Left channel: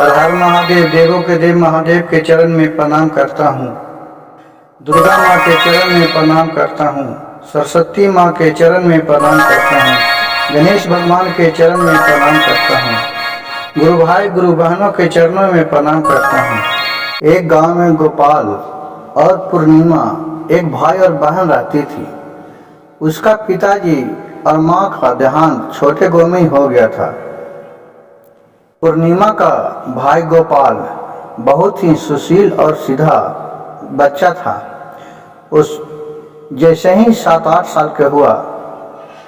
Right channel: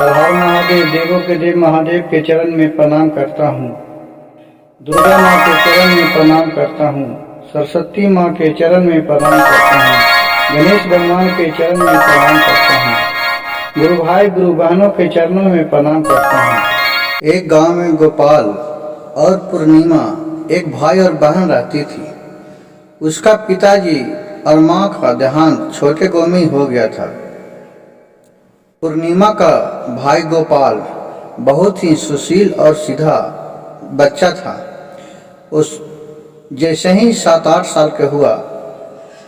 हर हर महादेव, देवों के देव महादेव के चरण में प्रणाम करता हूँ। दुर्गा माँ के चरण में प्रणाम करता हूँ। सरस्वती माँ के चरण में प्रणाम करता हूँ। गणेश भगवान के चरण में प्रणाम करता हूँ। गुरु भाई गुरु बहनों के चरणों में प्रणाम करता हूँ। एक गांव में गोपाल और पूर्णिमा एक भाई और बहन रहती थी। उसका पिताजी और माँ का देहांत छोटे गांव में ही हो गया था। पूर्णिमा का भाई गोपाल बहुत ही सुशील और सीधा बच्चा था। उस जैसे ही 7-8 साल का हुआ,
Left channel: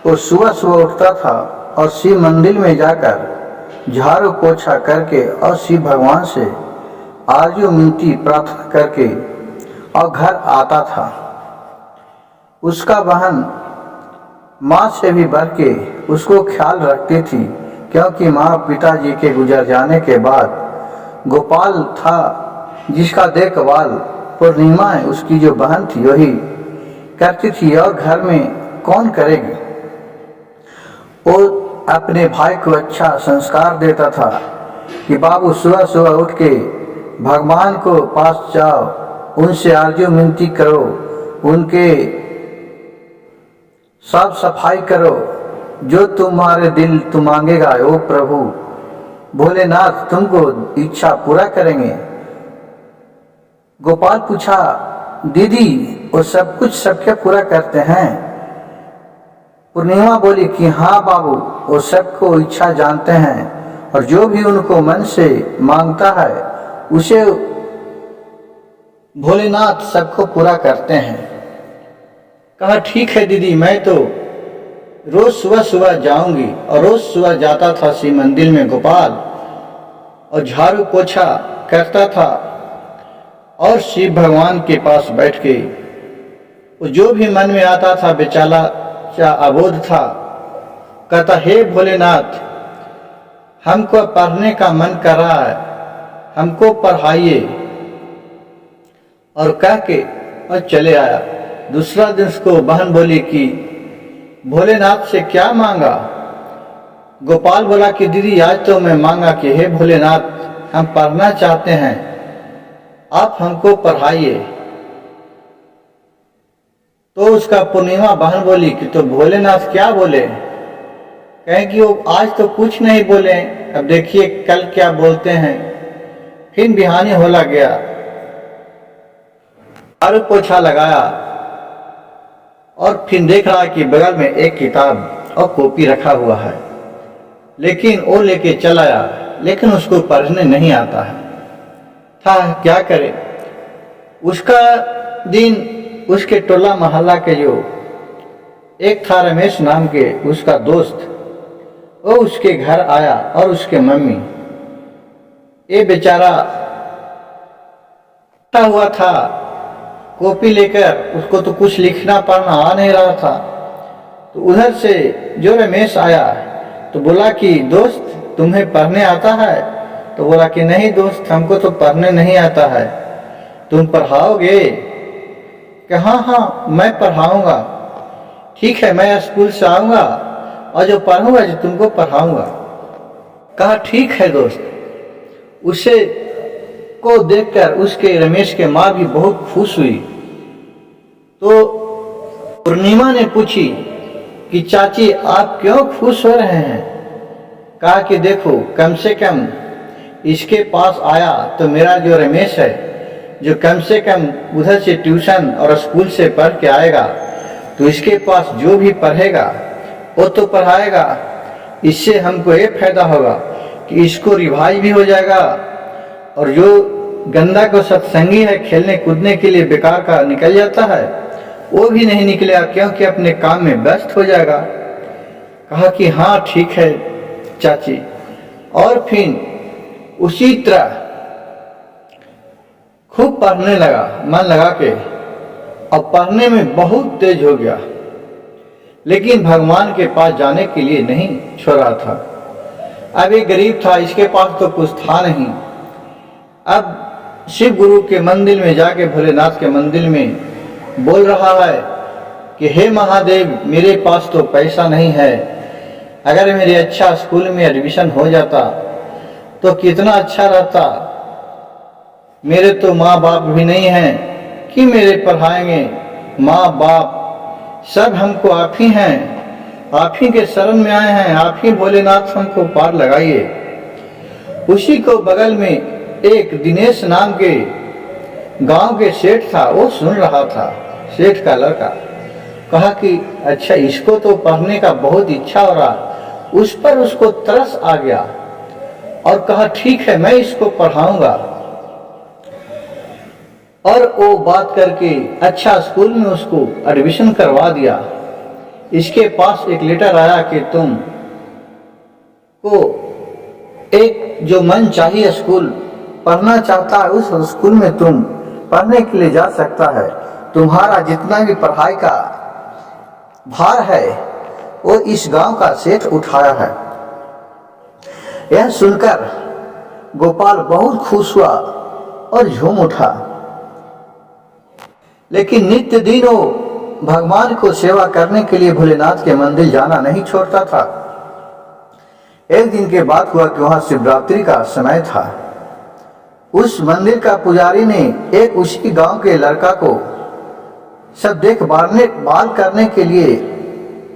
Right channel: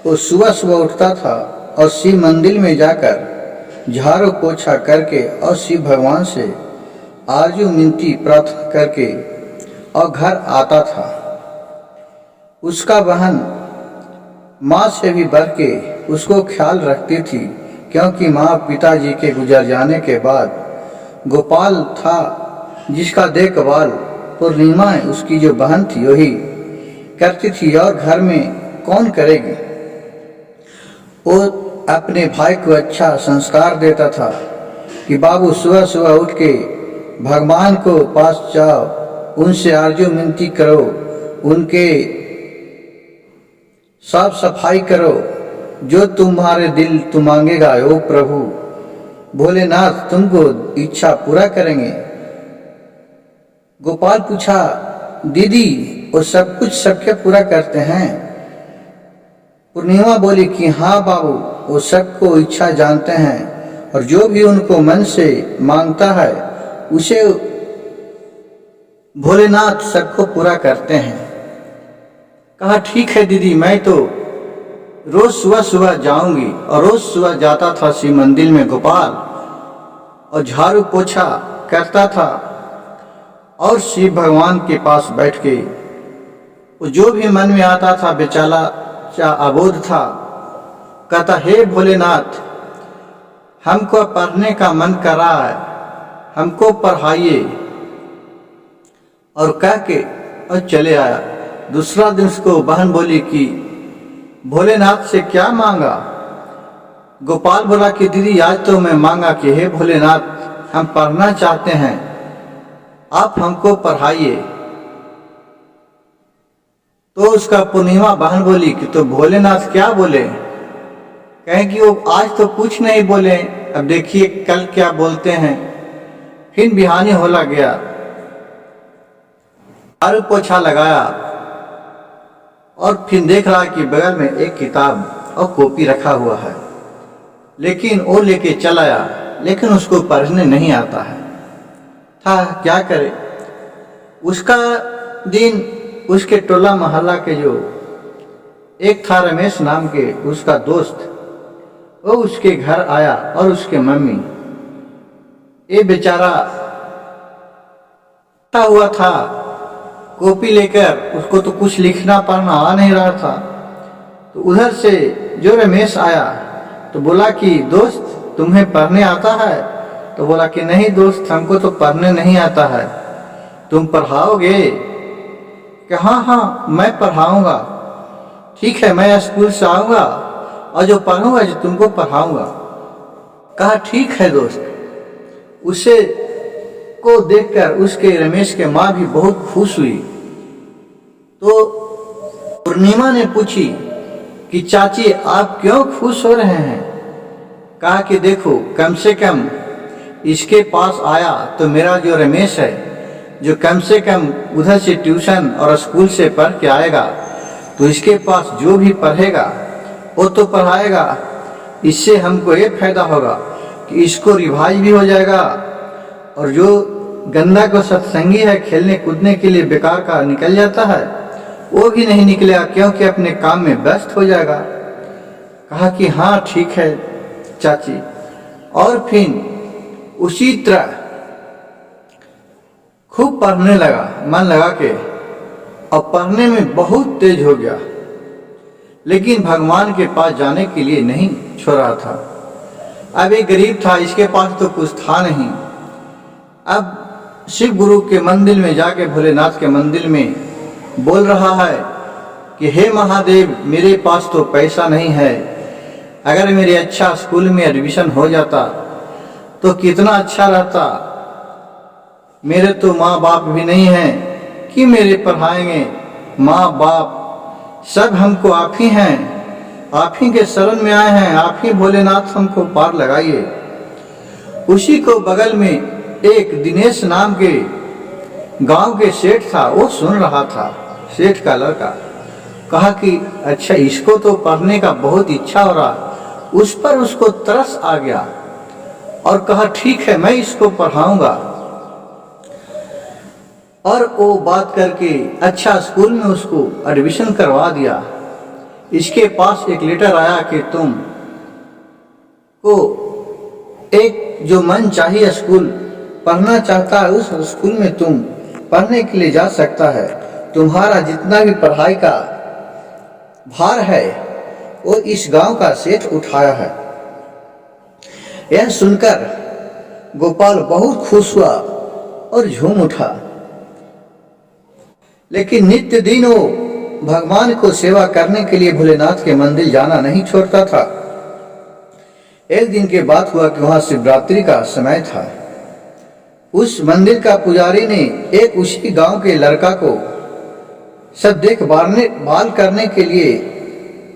वो सुबह सुबह उठता था और शिव मंदिर में जाकर झाड़ू पोछा करके और शिव भगवान से आरजू मिनती प्रार्थना करके और घर आता था। उसका बहन माँ से भी बढ़ के उसको ख्याल रखती थी, क्योंकि माँ पिताजी के गुजर जाने के बाद गोपाल था जिसका देखभाल पूर्णिमा उसकी जो बहन थी वही करती थी। और घर में कौन करेगी। वो अपने भाई को अच्छा संस्कार देता था कि बाबू सुबह सुबह उठ के भगवान को पास जाओ, उनसे आरजू मिनती करो, उनके साफ सफाई करो, जो तुम्हारे दिल तुम मांगेगा ओ प्रभु भोलेनाथ तुमको इच्छा पूरा करेंगे। गोपाल पूछा, दीदी वो सब कुछ सबके पूरा करते हैं? पूर्णिमा बोली कि हाँ बाबू, वो सबको इच्छा जानते हैं और जो भी उनको मन से मांगता है उसे भोलेनाथ सबको पूरा करते हैं। कहा ठीक है दीदी, मैं तो रोज सुबह सुबह जाऊंगी। और रोज सुबह जाता था शिव मंदिर में गोपाल और झाड़ू पोछा करता था और शिव भगवान के पास बैठ के वो जो भी मन में आता था बेचारा अबोध था, कहता हे भोलेनाथ हमको पढ़ने का मन कर रहा है, हमको पढ़ाइए। और कह के और चले आया। दूसरा दिन उसको बहन बोली कि भोलेनाथ से क्या मांगा? गोपाल बोला कि दीदी आज तो मैं मांगा कि हे भोलेनाथ हम पढ़ना चाहते हैं, आप हमको पढ़ाइए। तो उसका पूर्णिमा बहन बोली कि तो भोलेनाथ क्या बोले? कहें कि वो आज तो कुछ नहीं बोले, अब देखिए कल क्या बोलते हैं। फिर बिहानी होला गया, झाड़ू पोछा लगाया और फिर देख रहा कि बगल में एक किताब और कॉपी रखा हुआ है, लेकिन वो लेके चला आया, लेकिन उसको पढ़ने नहीं आता है। था क्या करे। उसका दिन उसके टोला मोहल्ला के जो एक था रमेश नाम के उसका दोस्त, वो उसके घर आया और उसके मम्मी, ये बेचारा हुआ था कॉपी लेकर, उसको तो कुछ लिखना पढ़ना आ नहीं रहा था। तो उधर से जो रमेश आया तो बोला कि दोस्त तुम्हें पढ़ने आता है? तो बोला कि नहीं दोस्त हमको तो पढ़ने नहीं आता है, तुम पढ़ाओगे? कि हाँ हाँ मैं पढ़ाऊंगा, ठीक है मैं स्कूल से आऊँगा और जो पढ़ूंगा जो तुमको पढ़ाऊंगा। कहा ठीक है दोस्त। उसे को देखकर उसके रमेश के माँ भी बहुत खुश हुई। तो पूर्णिमा ने पूछी कि चाची आप क्यों खुश हो रहे हैं? कहा कि देखो कम से कम इसके पास आया तो मेरा जो रमेश है, जो कम से कम उधर से ट्यूशन और स्कूल से पढ़ के आएगा, तो इसके पास जो भी पढ़ेगा वो तो पढ़ाएगा। इससे हमको ये फायदा होगा कि इसको रिवाइज भी हो जाएगा और जो गंदा को सत्संगी है खेलने कूदने के लिए बेकार का निकल जाता है वो भी नहीं निकलेगा, क्योंकि अपने काम में व्यस्त हो जाएगा। कहा कि हाँ ठीक है चाची। और फिर उसी तरह खूब पढ़ने लगा मन लगा के, और पढ़ने में बहुत तेज हो गया, लेकिन भगवान के पास जाने के लिए नहीं छोड़ा था। अब ये गरीब था, इसके पास तो कुछ था नहीं। अब शिव गुरु के मंदिर में जाके भोलेनाथ के मंदिर में बोल रहा है कि हे महादेव मेरे पास तो पैसा नहीं है, अगर मेरे अच्छा स्कूल में एडमिशन हो जाता तो कितना अच्छा रहता। मेरे तो माँ बाप भी नहीं हैं कि मेरे पढ़ाएंगे। माँ बाप सब हमको आप ही हैं, आप ही के शरण में आए हैं, आप ही भोलेनाथ हमको पार लगाइए। उसी को बगल में एक दिनेश नाम के गांव के सेठ था, वो सुन रहा था। सेठ का लड़का कहा कि अच्छा, इसको तो पढ़ने का बहुत इच्छा हो रहा। उस पर उसको तरस आ गया और कहा ठीक है, मैं इसको पढ़ाऊंगा। और वो बात करके अच्छा स्कूल में उसको एडमिशन करवा दिया। इसके पास एक लेटर आया कि तुम को एक जो मन चाहिए स्कूल पढ़ना चाहता है, उस स्कूल में तुम पढ़ने के लिए जा सकता है। तुम्हारा जितना भी पढ़ाई का भार है वो इस गांव का सेठ उठाया है। यह सुनकर गोपाल बहुत खुश हुआ और झूम उठा। लेकिन नित्य दिन वो भगवान को सेवा करने के लिए भोलेनाथ के मंदिर जाना नहीं छोड़ता था। एक दिन के बात हुआ कि वहां शिवरात्रि का समय था। उस मंदिर का पुजारी ने एक उसी गांव के लड़का को सब देखभाल करने के लिए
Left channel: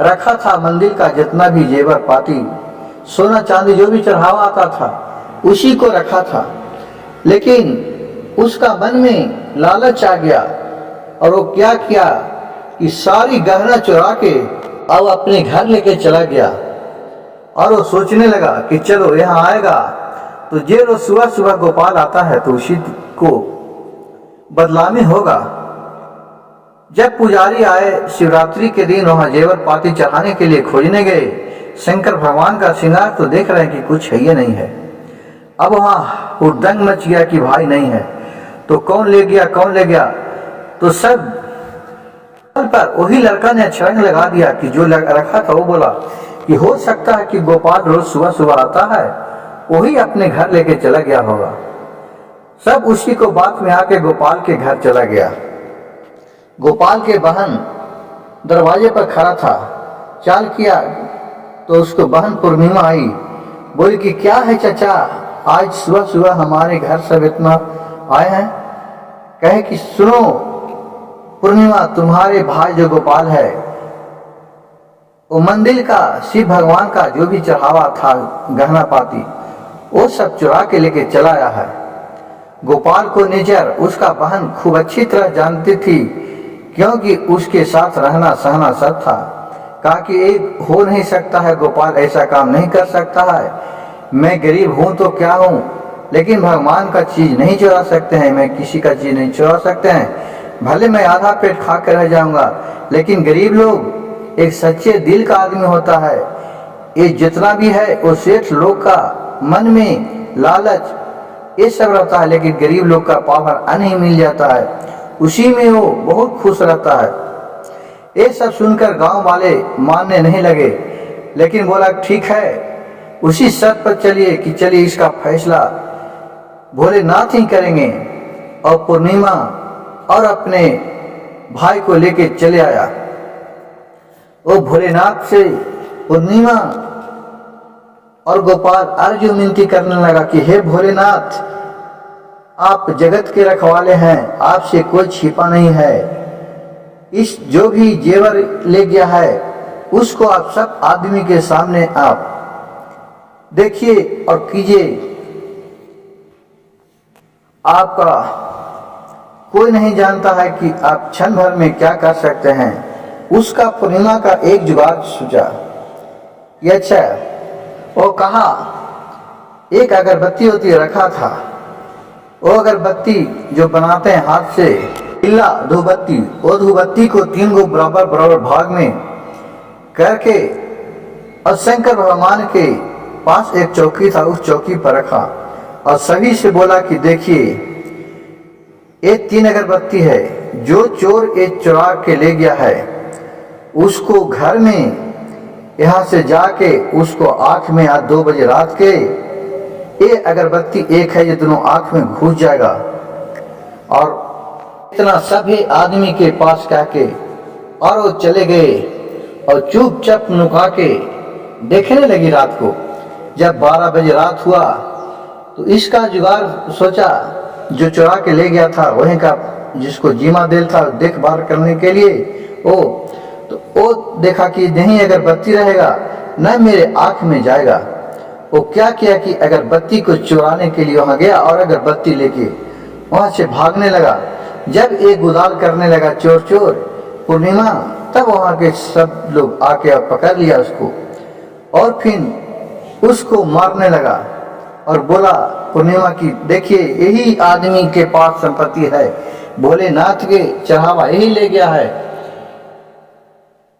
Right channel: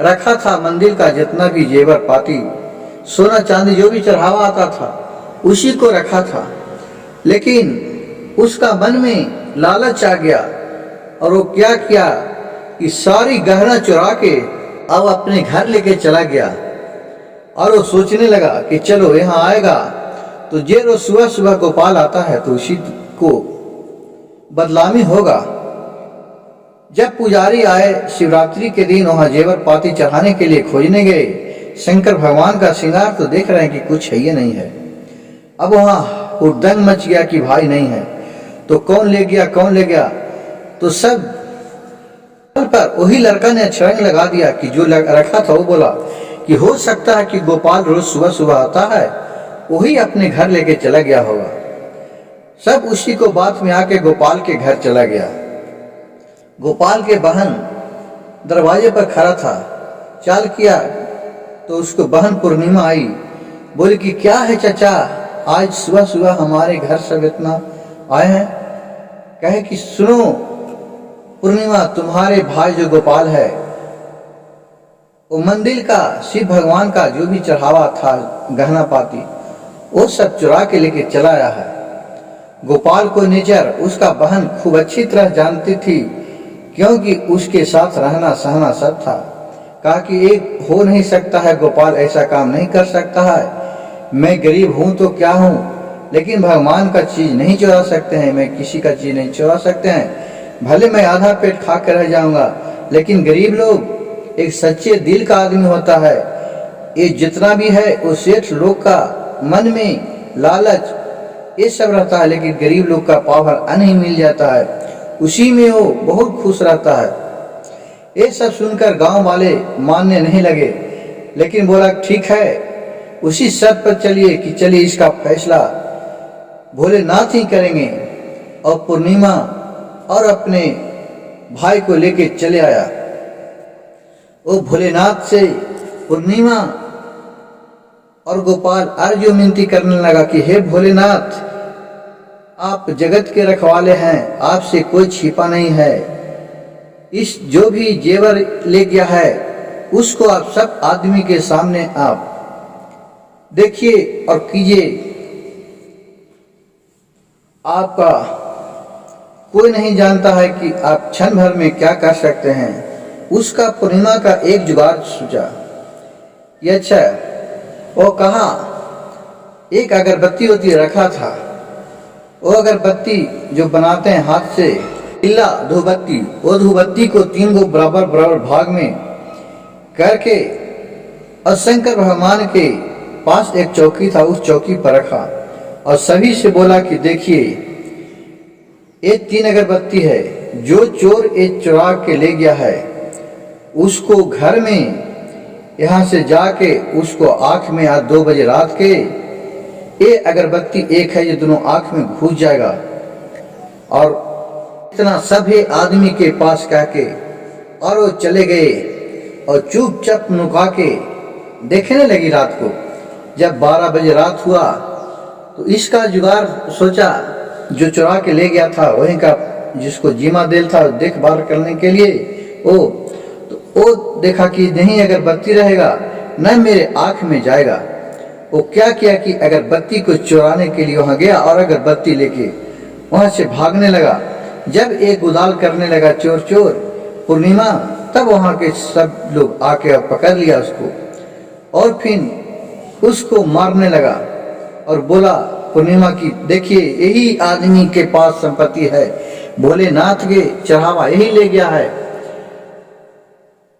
रखा था। मंदिर का जितना भी जेवर पाती, सोना चांदी जो भी चढ़ावा आता था, उसी को रखा था। लेकिन उसका मन में लालच आ गया और वो क्या किया कि सारी गहना चुरा के अब अपने घर लेके चला गया। और वो सोचने लगा कि चलो यहाँ आएगा तो जे रोज सुबह सुबह गोपाल आता है तो उसी को बदनामी होगा। जब पुजारी आए शिवरात्रि के दिन वहां जेवर पाती चढ़ाने के लिए खोजने गए, शंकर भगवान का श्रृंगार तो देख रहे हैं कि कुछ है ही नहीं है। अब वहां हुड़दंग मच गया कि भाई नहीं है, तो कौन ले गया कौन ले गया। तो सब पर वही लड़का ने छरंग लगा दिया कि जो रखा था वो बोला कि हो सकता है कि गोपाल रोज सुबह सुबह आता है, वही अपने घर लेके चला गया होगा। सब उसी को बात में आके गोपाल के घर चला गया। गोपाल के बहन दरवाजे पर खड़ा था। चाल किया तो उसको बहन पूर्णिमा आई, बोली कि क्या है चाचा, आज सुबह सुबह हमारे घर सब इतना आए हैं। कहे कि सुनो पूर्णिमा, तुम्हारे भाई जो गोपाल है वो मंदिर का शिव भगवान का जो भी चढ़ावा था गहना पाती वो सब चुरा के लेके चला आया है। गोपाल को नेचर उसका बहन खूब अच्छी तरह जानती थी, क्योंकि उसके साथ रहना सहना सब था। कहा कि एक हो नहीं सकता है, गोपाल ऐसा काम नहीं कर सकता है। मैं गरीब हूं तो क्या हूं, लेकिन भगवान का चीज नहीं चुरा सकते हैं, मैं किसी का चीज नहीं चुरा सकते हैं। भले मैं आधा पेट खा कर रह जाऊंगा, लेकिन गरीब लोग एक सच्चे दिल का आदमी होता है। ये जितना भी है वो सेठ लोग का मन में लालच ये सब रहता है, लेकिन गरीब लोग का पावर अन्न ही मिल जाता है, उसी में वो बहुत खुश रहता है। ये सब सुनकर गांव वाले मानने नहीं लगे, लेकिन बोला ठीक है, उसी शर्त पर चलिए कि चलिए इसका फैसला भोलेनाथ ही करेंगे। और पूर्णिमा और अपने भाई को लेके चले आया। वो भोलेनाथ से पूर्णिमा और गोपाल अर्ज विनती करने लगा कि हे भोलेनाथ, आप जगत के रखवाले हैं, आपसे कोई छिपा नहीं है। इस जो भी जेवर ले गया है उसको आप सब आदमी के सामने आप देखिए और कीजिए। आपका कोई नहीं जानता है कि आप क्षण भर में क्या कर सकते हैं। उसका पूर्णिमा का एक जुगाड़ सोचा। ये अच्छा है, वो कहा एक अगरबत्ती होती रखा था, वो अगरबत्ती जो बनाते हैं हाथ से, इल्ला धूपबत्ती, वो धूपबत्ती को 3 गो बराबर बराबर भाग में करके और शंकर भगवान के पास एक चौकी था, उस चौकी पर रखा और सभी से बोला कि देखिए ये 3 अगरबत्ती है, जो चोर ये चुरा के ले गया है उसको घर में यहाँ से जाके उसको आंख में आज 2 बजे रात के ये अगरबत्ती एक है, ये दोनों आंख में घुस जाएगा। और इतना सभी आदमी के पास कह के और वो चले गए और चुपचाप नुका के देखने लगी। रात को जब 12 बजे रात हुआ तो इसका जुगाड़ सोचा, जो चुरा के ले गया था वहीं का, जिसको जिम्मा दिल था देखभाल करने के लिए, वो देखा कि नहीं अगर बत्ती रहेगा न मेरे आँख में जाएगा। वो क्या किया कि अगर बत्ती को चुराने के लिए वहाँ गया और अगर बत्ती लेके वहाँ से भागने लगा। जब एक गुदाल करने लगा चोर चोर पूर्णिमा, तब वहाँ के सब लोग आके पकड़ लिया उसको और फिर उसको मारने लगा और बोला पूर्णिमा की देखिए यही आदमी के पास संपत्ति है, भोलेनाथ के चढ़ावा यही ले गया है।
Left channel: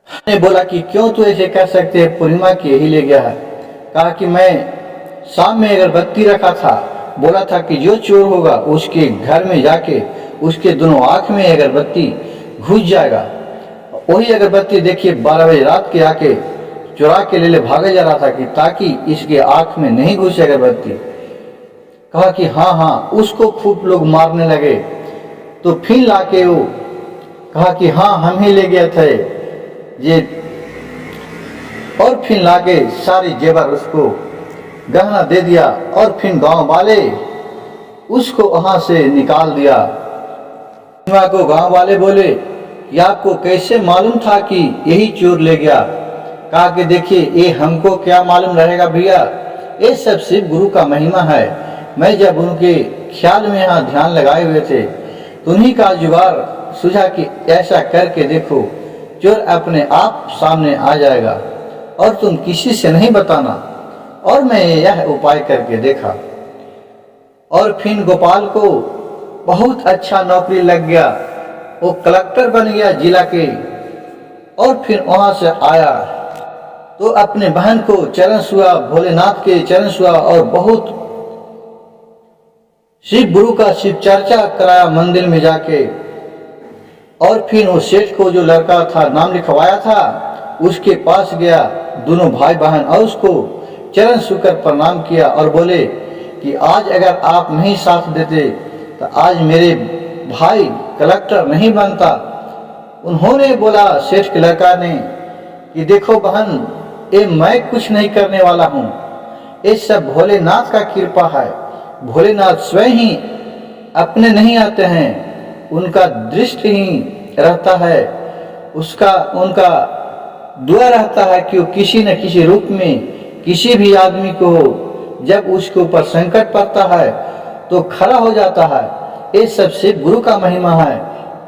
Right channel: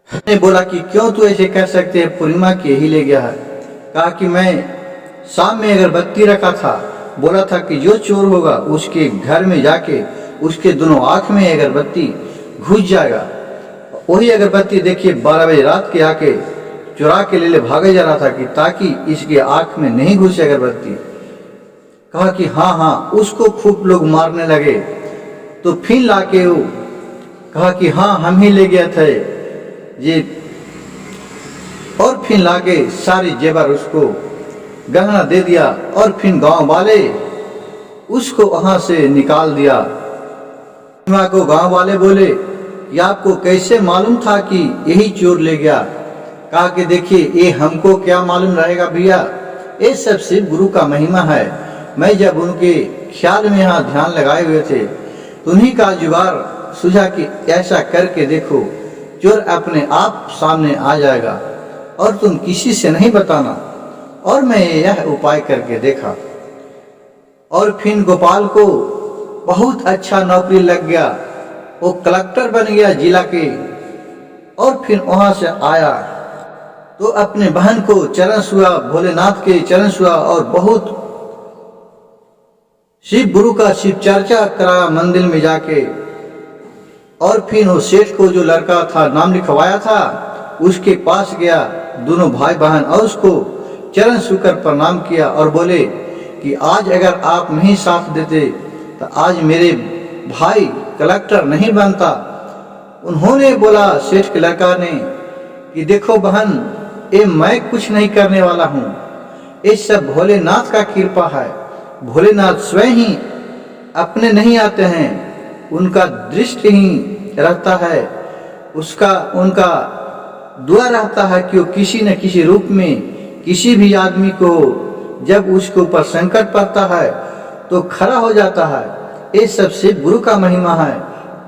ने बोला कि क्यों तू ऐसे कह सकते है, पूर्णिमा की यही ले गया है। कहा कि मैं शाम में अगरबत्ती रखा था, बोला था कि जो चोर होगा उसके घर में जाके उसके दोनों आंख में अगरबत्ती घुस जाएगा। वही अगरबत्ती देखिए 12 बजे रात के आके चुरा के ले भागा जा रहा था कि ताकि इसके आंख में नहीं घुसे अगरबत्ती। कहा कि हाँ, उसको खूब लोग मारने लगे। तो फिर लाके वो कहा कि हाँ हम ही ले गए थे ये, और फिर लाके सारे जेवर उसको गहना दे दिया और फिर गांव वाले उसको वहां से निकाल दिया। को गांव वाले बोले कि आपको कैसे मालूम था कि यही चोर ले गया। कहा कि देखिए ये हमको क्या मालूम रहेगा भैया, ये सब सिर्फ गुरु का महिमा है। मैं जब उनके ख्याल में यहाँ ध्यान लगाए हुए थे तो उन्हीं का जुगाड़ सूझा कि ऐसा करके देखो चोर अपने आप सामने आ जाएगा और तुम किसी से नहीं बताना। और मैं यह उपाय करके देखा और फिर गोपाल को बहुत अच्छा नौकरी लग गया, वो कलेक्टर बन गया जिला के। और फिर वहां से आया तो अपने बहन को चरण छुआ, भोलेनाथ के चरण छुआ और बहुत शिव गुरु का शिव चर्चा कराया मंदिर में जाके। और फिर वो सेठ को जो लड़का था नाम लिखवाया था उसके पास गया, दोनों भाई बहन, और उसको चरण छूकर प्रणाम किया और बोले कि आज अगर आप नहीं साथ देते तो आज मेरे भाई कलेक्टर नहीं बनता। उन्होंने बोला सेठ के लड़का ने कि देखो बहन, ये मैं कुछ नहीं करने वाला हूँ, ये सब भोलेनाथ का कृपा है। भोलेनाथ स्वयं ही अपने नहीं आते हैं, उनका दृष्टि ही रहता है, उनका दुआ रहता है कि वो किसी न किसी रूप में किसी भी आदमी को जब उसके ऊपर संकट पड़ता है तो खड़ा हो जाता है। ये सब सिर्फ गुरु का महिमा है,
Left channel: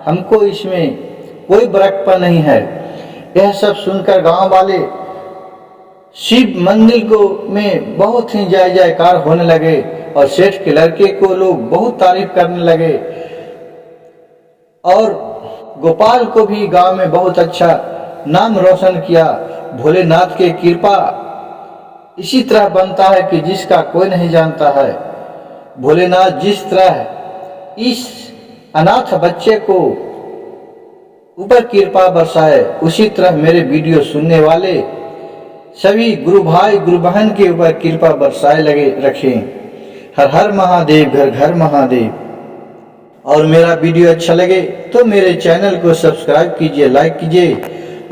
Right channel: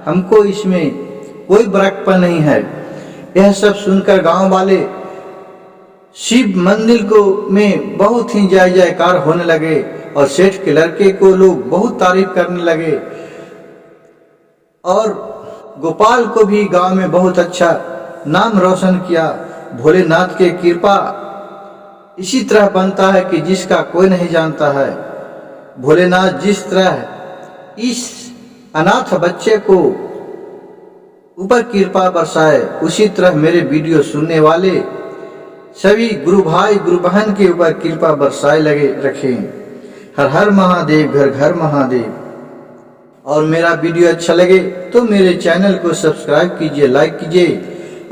हमको इसमें कोई बड़कपन नहीं है। यह सब सुनकर गांव वाले शिव मंदिर को में बहुत ही जय जयकार होने लगे और सेठ के लड़के को लोग बहुत तारीफ करने लगे। और गोपाल को भी गांव में बहुत अच्छा नाम रोशन किया। भोलेनाथ के कृपा इसी तरह बनता है कि जिसका कोई नहीं जानता है। भोलेनाथ जिस तरह इस अनाथ बच्चे को ऊपर कृपा बरसाए, उसी तरह मेरे वीडियो सुनने वाले सभी गुरु भाई गुरु बहन के ऊपर कृपा बरसाए लगे रखें। हर हर महादेव, घर घर महादेव। और मेरा वीडियो अच्छा लगे तो मेरे चैनल को सब्सक्राइब कीजिए, लाइक कीजिए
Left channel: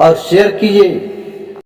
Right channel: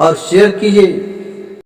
और शेयर कीजिए।